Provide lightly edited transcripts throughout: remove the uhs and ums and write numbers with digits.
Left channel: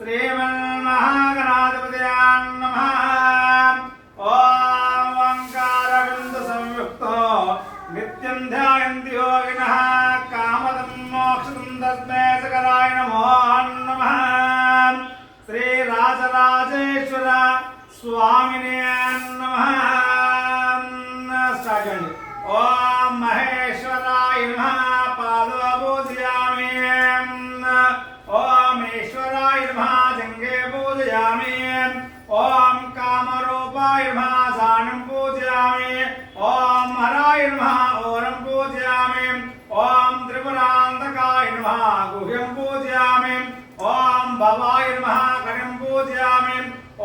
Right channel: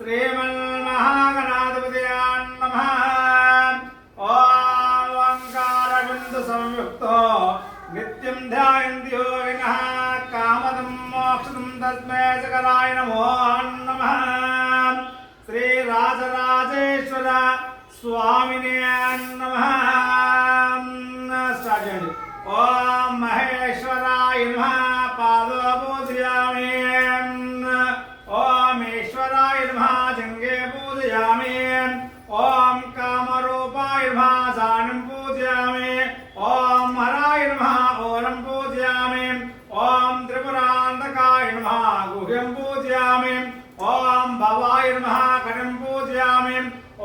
श्रीमन्महागणाधिपतये नमः। ॐ ओंकारबिन्दुसंयुक्तो नित्यं ध्यायन्ति योगिनः कामदं मोक्षदं तस्मै सकलाय नमो नमः। श्रीराजराजेश्वर स्वामिने नमः। ओम महेश्वराय नमः पादो पूजयामि। ओम ईश्वराय नमः जंगे पूजयामि। ओम कामरूपाय नमः सानं पूजयामि। ओम हराय नमः ओरं पूजयामि। ओम त्रिपुरान्तकाय नमः गुह्यं पूजयामि। ओम भवाय नमः कटिं पूजयामि।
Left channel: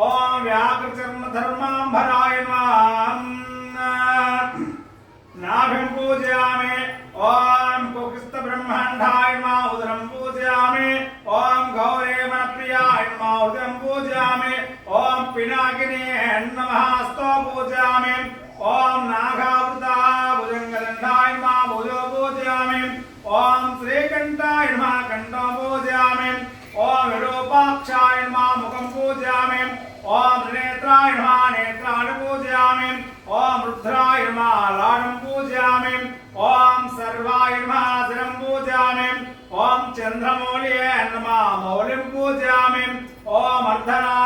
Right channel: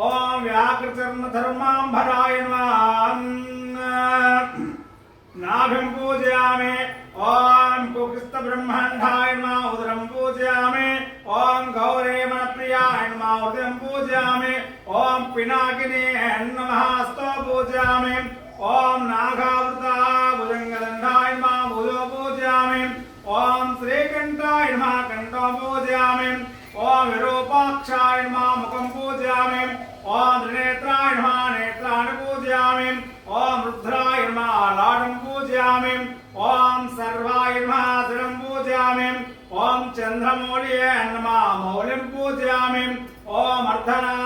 ओम व्याकृतिर्धर्माम्बराय नमः नाभिं पूजयामि। ओम कुक्षिस्थब्रह्माण्डाय नमः उदरं पूजयामि। ओम गौरीमनप्रियाय नमः उदरं पूजयामि। ओम पिनाकिने नमः हस्तो पूजयामि। ओम नागावृता भुजङ्गदण्डाय नमः भुजो पूजयामि। ओम श्रीकण्ठाय नमः कण्ठं पूजयामि। ओम विरूपाक्षाय नमः मुखं पूजयामि। ओम त्रिनेत्राय नमः नेत्राणि पूजयामि। ओम रुद्राय नमः लाडं पूजयामि। ओम सर्वाय नमः शिरं पूजयामि। ओम चन्द्रमौळिये नमः मौलिं पूजयामि। ओम अर्धनारीश्वराय